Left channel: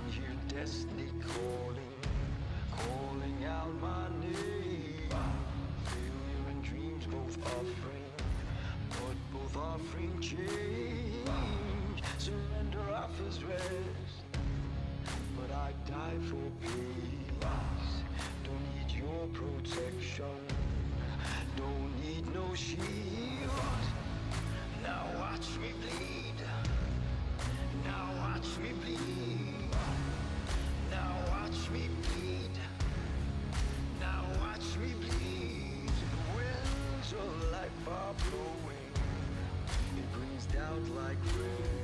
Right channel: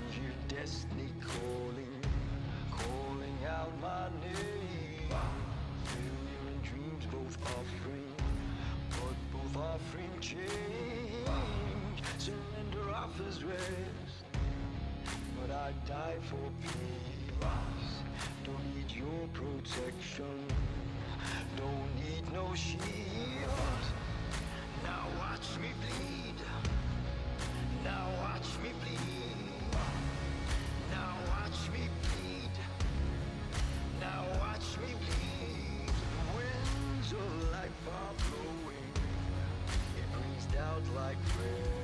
can hear destiny calling, calling out my name. Failure and dreams both offering, but both offering change. Surrender offers rest, but I die for peace. Don't need your protection, don't need no shield. Now watch me bleed. Now watch me bleed. Now watch me bleed. Now watch me bleed. The winds of life are blowing. It brings doubt like rain.